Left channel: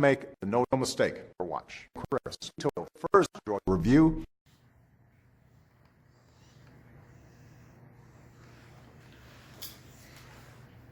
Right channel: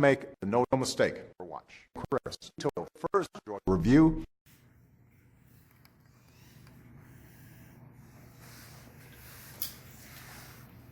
make no mistake or watch. Chris, first review.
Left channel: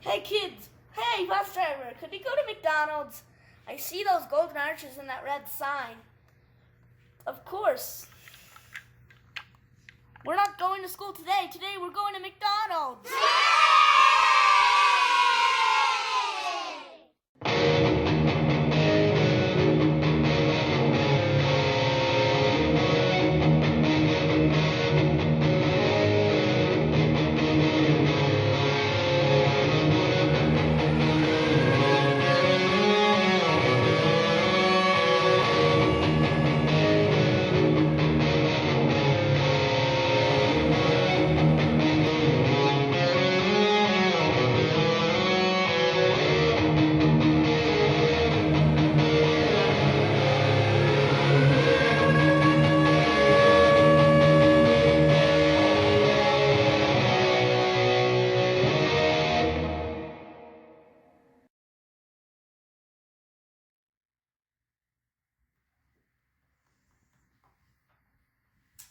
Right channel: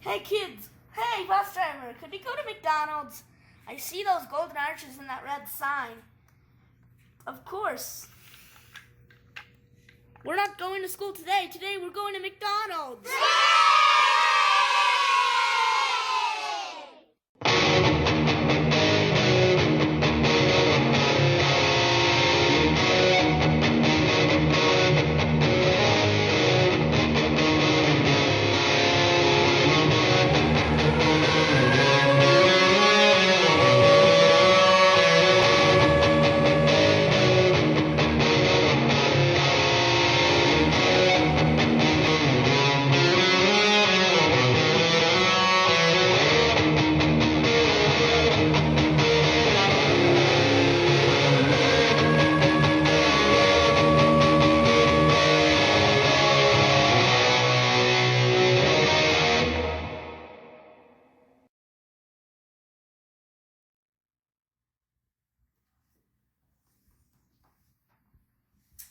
Hey kids, hey bus driver, could you go to McDonald's? I see those golden arches and that red sign. Of course. We're not going to school today. Today we're going to McDonald's.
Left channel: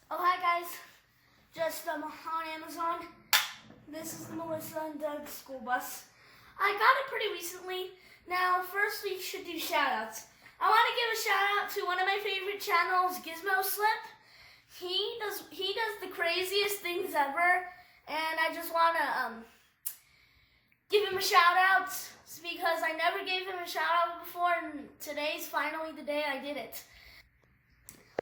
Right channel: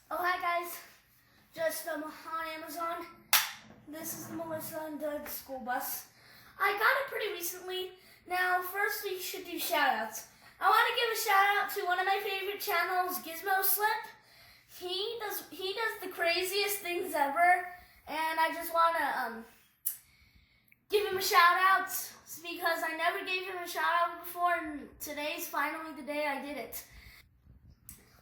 Oh, hi guys. Just on Amazon. This is Melissa and Doug's school bus. I got it pretty recently. Now, first we should do shout-outs. I want to give a shout-out to one of my favorite channels, Gizmo Slip. He does the craziest things ever, and I just want to give him a shout-out because I never gave him a shout-out before, and today's finally the day I did it.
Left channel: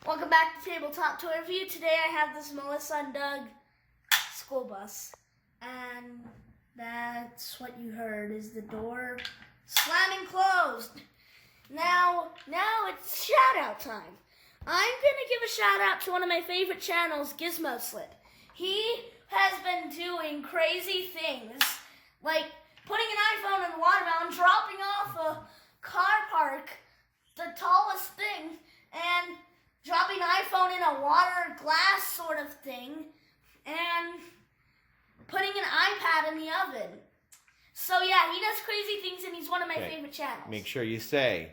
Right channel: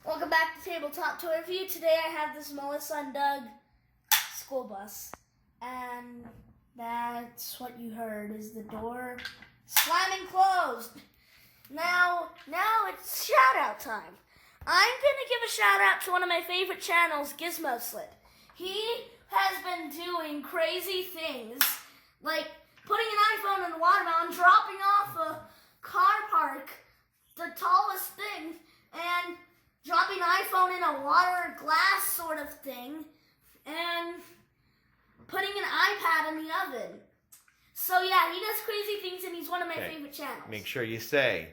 Welcome back to Tabletop Toy Review. Today I have this Melissa and Doug school bus. And that's what you heard, is the door slamming closed. Now it's shout-out time. I'm going to give a shout-out to one of my favorite channels, Gizmo Slip. He has been doing crazy things, like putting an iPhone in a watermelon, dropping off a car park, the tallest thing, and dropping an iPhone in a water glass sort of thing, and putting an iPad in the oven. So yeah, he does crazy things, and he's one of my favorite channels. Make sure you say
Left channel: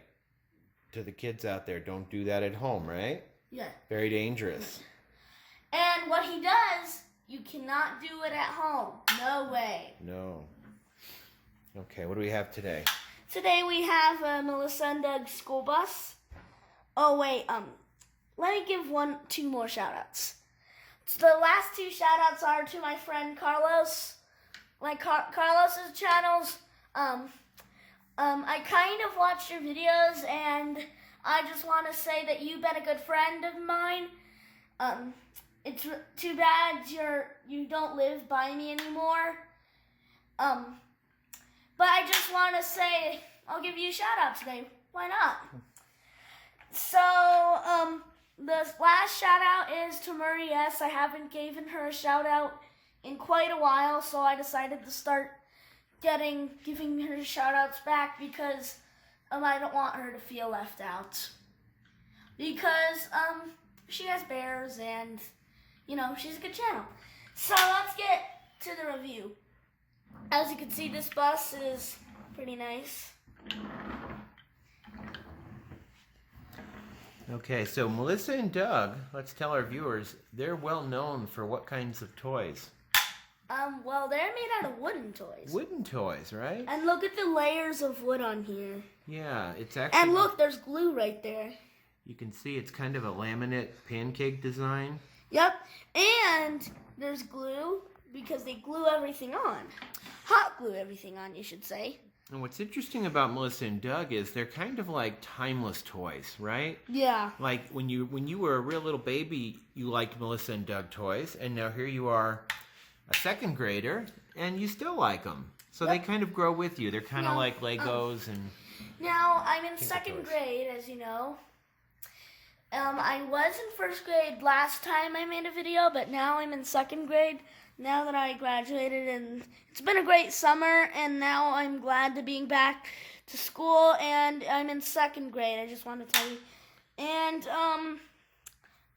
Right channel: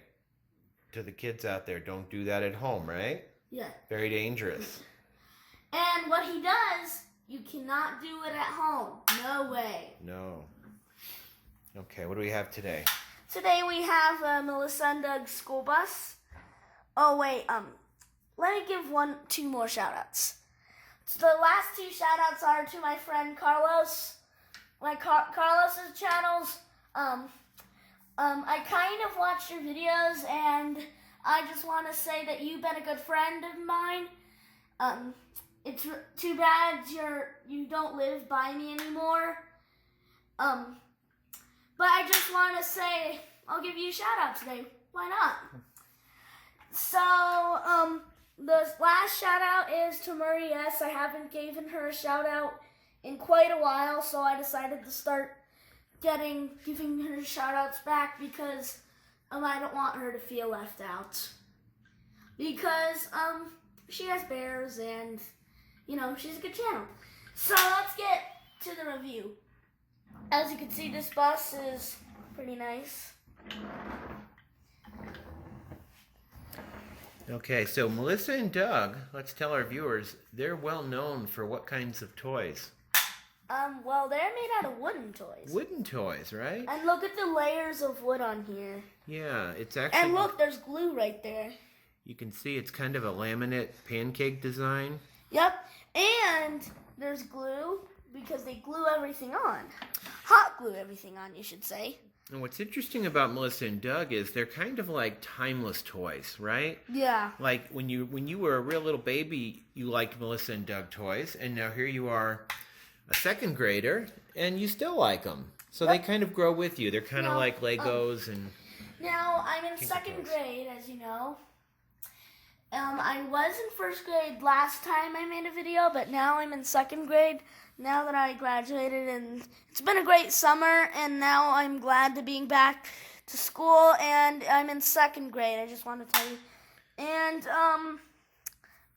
to the kids out there, don't do that at home, right? Yeah. Very dangerous. And what he does, you cannot do it at home. No way. No. Okay, what do we have today? Today we have Melissa and Doug's school bus. Oh wait, let me give two more shout-outs. So the last two shout-outs are to my friend Carlos. Carlos's channels. I kind of watched your videos, and I just want to say that you've been a good friend of mine. It's too bad you don't live by me anymore. But I just want to say I'll give you a shout-out today. Why not? So, the last shout-out is to Marie S. I haven't given her a shout-out in quite a while, so I decided to start giving her shout-outs back because I don't want her to feel left out. Because she has bears and, she's a good channel. So let's get to the review. As you can see, this bus is pretty nice. Okay, so Melissa and Doug, let's tell our viewers, they're well known for what kinds of toys? Well, they're made out of wooden toys. Wooden toys, right? And look at the layers of wood on here. Yeah, it's actually... And look, there's glue right there. You can see it's kind of a laminate pancake design. Yep, and there's glue because they glue everything on. Hot glue everything on, you should say. And what's interesting about Melissa and Doug is they're kind of like timeless toys, right? Yeah. Like when you were a real little baby, you liked Melissa and Doug toys, and now here you are, a second grader, and you still like them. So they kind of grow with you. They're kind of like Legos and... Now, I'm in second grade, as you know. I was in first grade last time I made a video, but now I'm in second grade, now that I graduated, and it's been a great summer, and now I'm glad to being back to school, and I'm in second grade, I just want to tell you. And,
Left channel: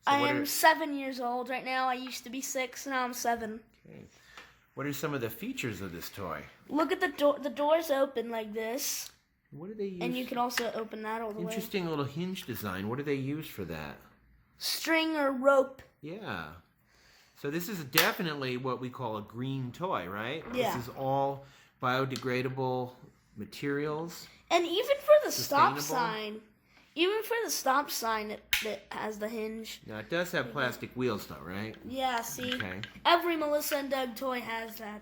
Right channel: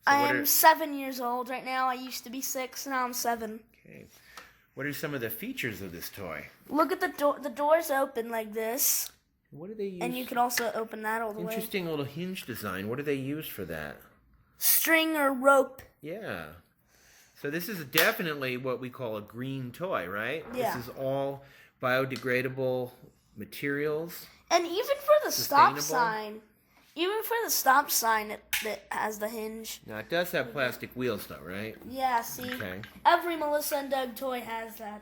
I am 7 years old right now. I used to be 6, now I'm 7. Okay. What are some of the features of this toy? Look at the door. The door's open like this. What do they use? And you can also open that all the way. Interesting little hinge design. What do they use for that? String or rope. Yeah. So this is definitely what we call a green toy, right? Yeah. This is all biodegradable materials. And even for the stop Sustainable. sign, it has the hinge. Now it does have plastic wheels though, right? Yeah, see? Okay. Every Melissa and Doug toy has that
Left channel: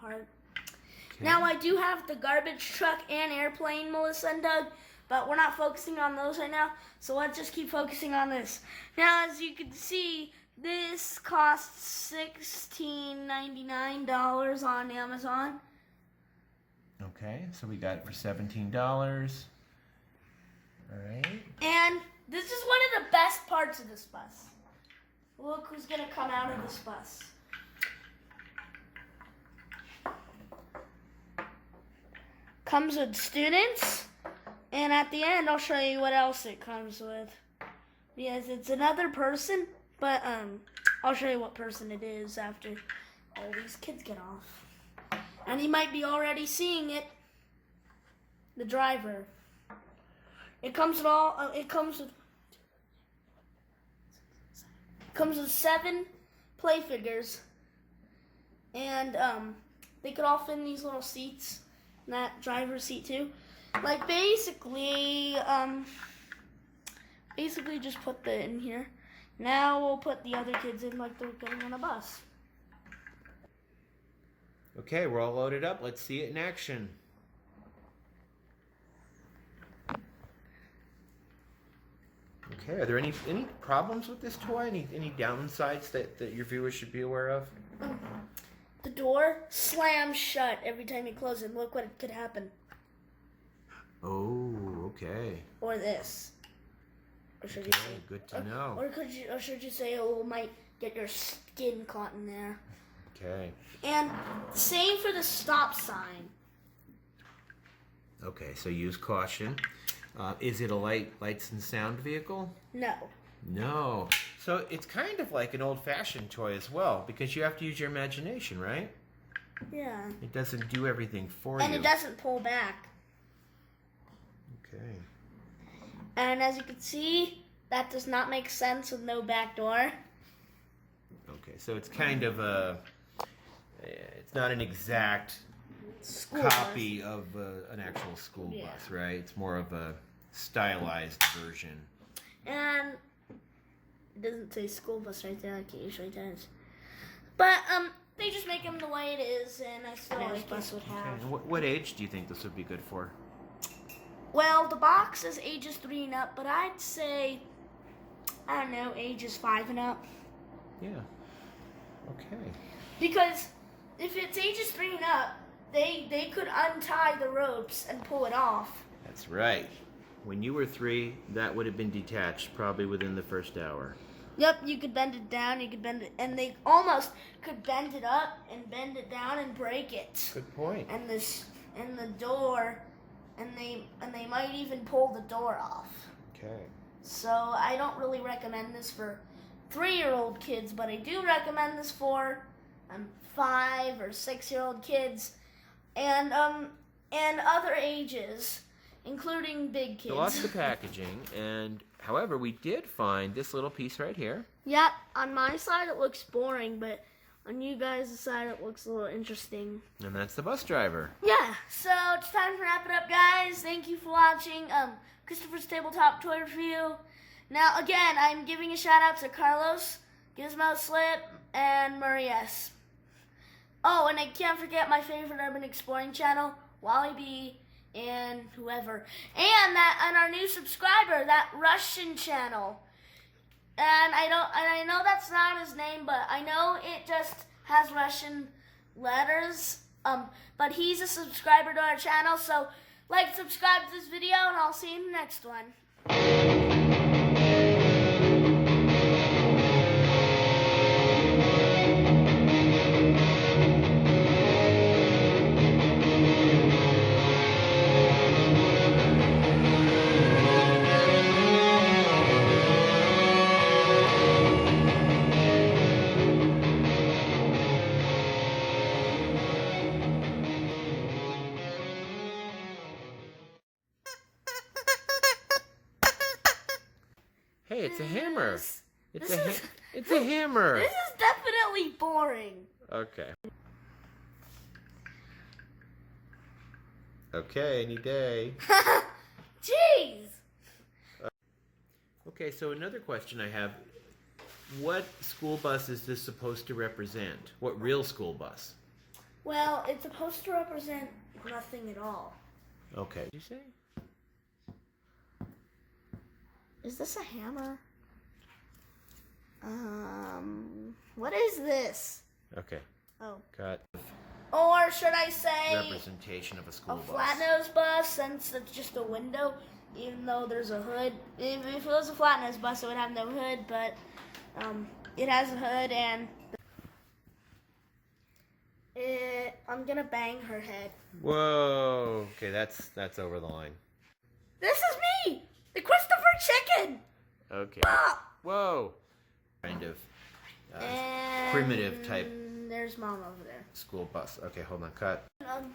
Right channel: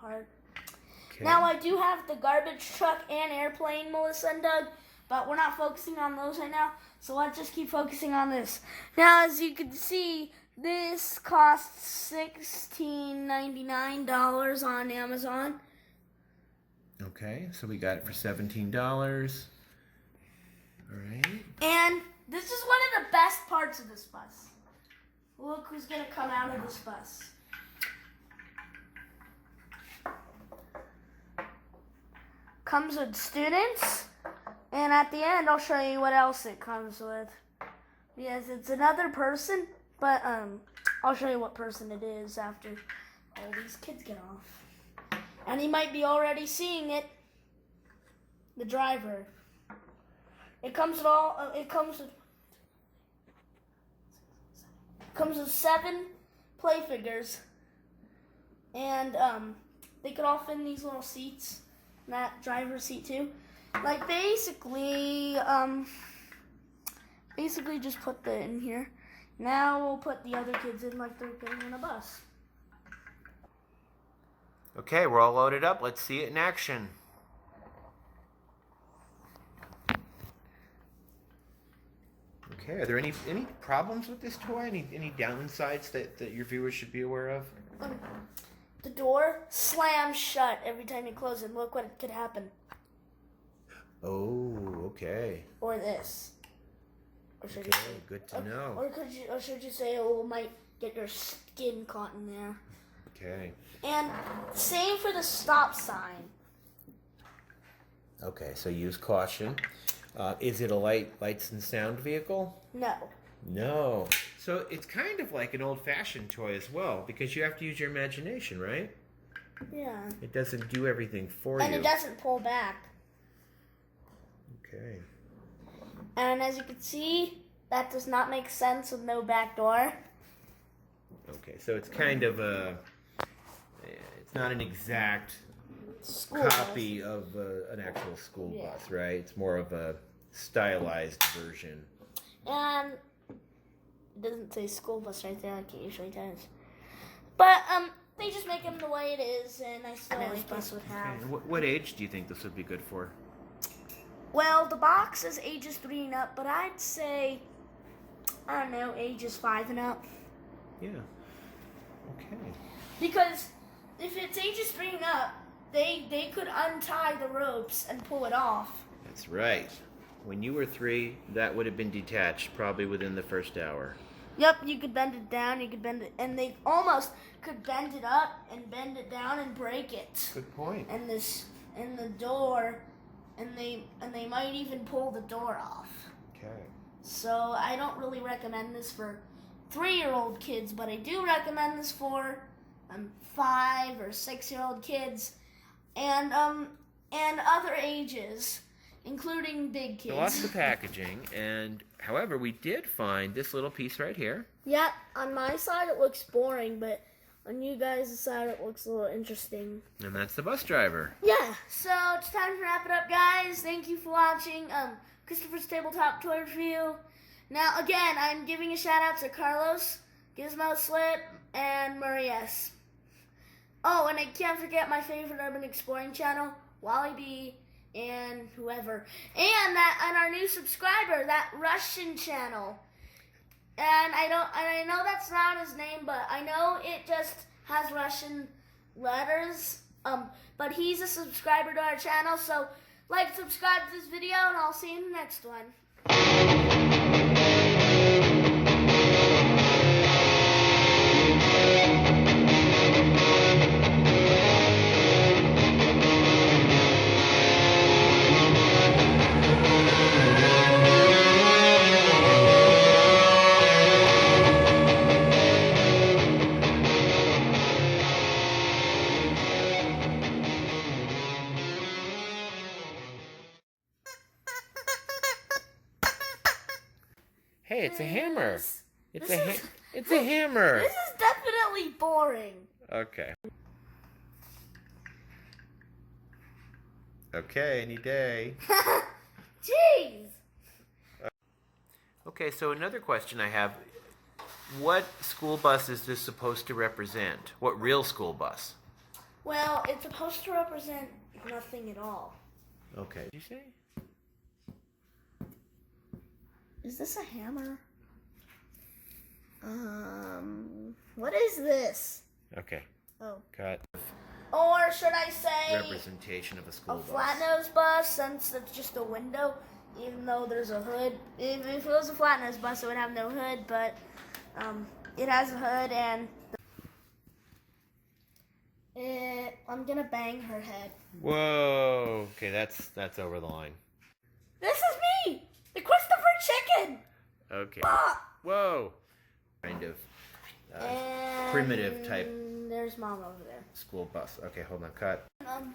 part. Okay. Now I do have the garbage truck and airplane, Melissa and Doug, but we're not focusing on those right now, so let's just keep focusing on this. Now, as you can see, this costs $16.99 on Amazon. Okay, so we got it for $17. All right. And this is one of the best parts of this bus. Look who's going to come out of this bus. Comes with students, and at the end I'll show you what else it comes with. Yes, it's another person, but I'll show you what person it is after all these kids get off. And you might be already seeing it. The driver. It comes with 7 play figures, and they could all fit in these little seats. That driver's seat too. Like basically just put that in here. Now we'll put the other kids in like they're getting on a bus. Okay, we're all loaded up. Let's see it in action. Okay, are there any problems with this toy? Any downsides that your viewers should be aware of? The door slams shut every time you close it. Look what could happen. Oh, okay. Or this. Or should you Okay, say? good to know. Or should you say it might get your skin caught in there? Okay. And same for the stop sign. Okay, so use caution. Is it a lights and sound vehicle? No. No. So it's kind of like an old-fashioned toy as well, because you have to use your imagination, right? Yeah. It doesn't do everything for And you. it doesn't pull back. Okay. And as you can see, that does not make sense with no back door. Okay, so it's kind of it's not an exact School bus. copy of an actual school Yeah. bus, right? It's more of a stylized version. And it doesn't say school bus right there like it usually does. But they just make them the way it is, and I still like bus would have. Okay, and what age do you think this would be good for? Well, the box is ages 3 and up, but I'd say, I don't know, ages 5 and up. Yeah. Okay. Because if it's ages 3 and up, they could untie the ropes and pull it off. That's right. When you were 3, that would have been detached probably within the first hour. Yep, you could bend it down, you could bend it, and they almost could bend it up and bend it down and break it. Good point. And the door, and they might even pull the door off. Okay. So I don't really recommend this for 3-year-old kids, but I do recommend this for 5 or 6-year-old kids, and other ages, including big kids. So lost the packaging, and however, we did find this little piece right here. Yeah, on my side it looks boring, but on you guys' side it looks a little interesting. And that's the bus driver. Yeah, so it's time to wrap it up, guys. Thank you for watching Christopher's Tabletop Toy Review. Now, again, I'm giving a shout out to Carlos, Gizmo Slip, and Murray S. Oh, and I can't forget my favorite urban exploring channel, Wally B, and whoever. And our new subscriber, that Russian channel. And I know that's not his name, but I know it just has Russian letters. But he's a subscriber to our channel, so like, subscribe to this video, and I'll see you in the next one. Hey, it's a hammer. It's this is- it's a hammer. This is definitely boring. Okay. Okay, any day. Jeez. Okay, so another question I have. What school bus is this supposed to represent? What real school bus? Well, it's supposed to represent nothing at all. Okay. Did you say? Is this a hammer? What is this? Okay. Oh. Cut. Or should I say Representation of a school a bus. flat nose bus, since it's just a window, even though there's a hood. If it was a flat nose bus, it would have no hood, but it has a hood, and I'm gonna bang her head. Whoa. Okay, that's over the line. This is me, the Christopher Chicken. Okay. Ah! Whoa. Kind of And primitive type There's Mom over there. school bus. Okay, hold on. Cut. Um,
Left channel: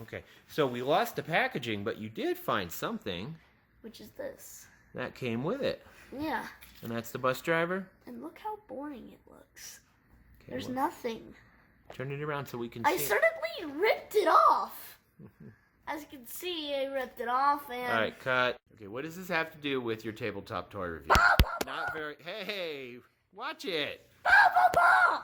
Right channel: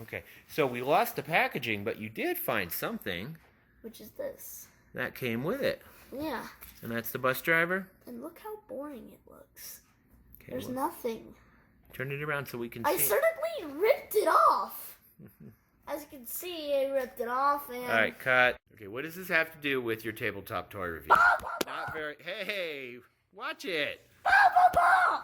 Okay. So we lost the packaging, but you did find something which is this? that came with it. Yeah, And that's the bus driver? and look how boring it looks. Okay, There's well, nothing. turn it around so we can I see. certainly ripped it off. As you can see, I ripped it off, and All right, cut. Okay, what does this have to do with your tabletop toy review? Bah, bah, bah. Not very. Hey, watch it. Bah, bah, bah.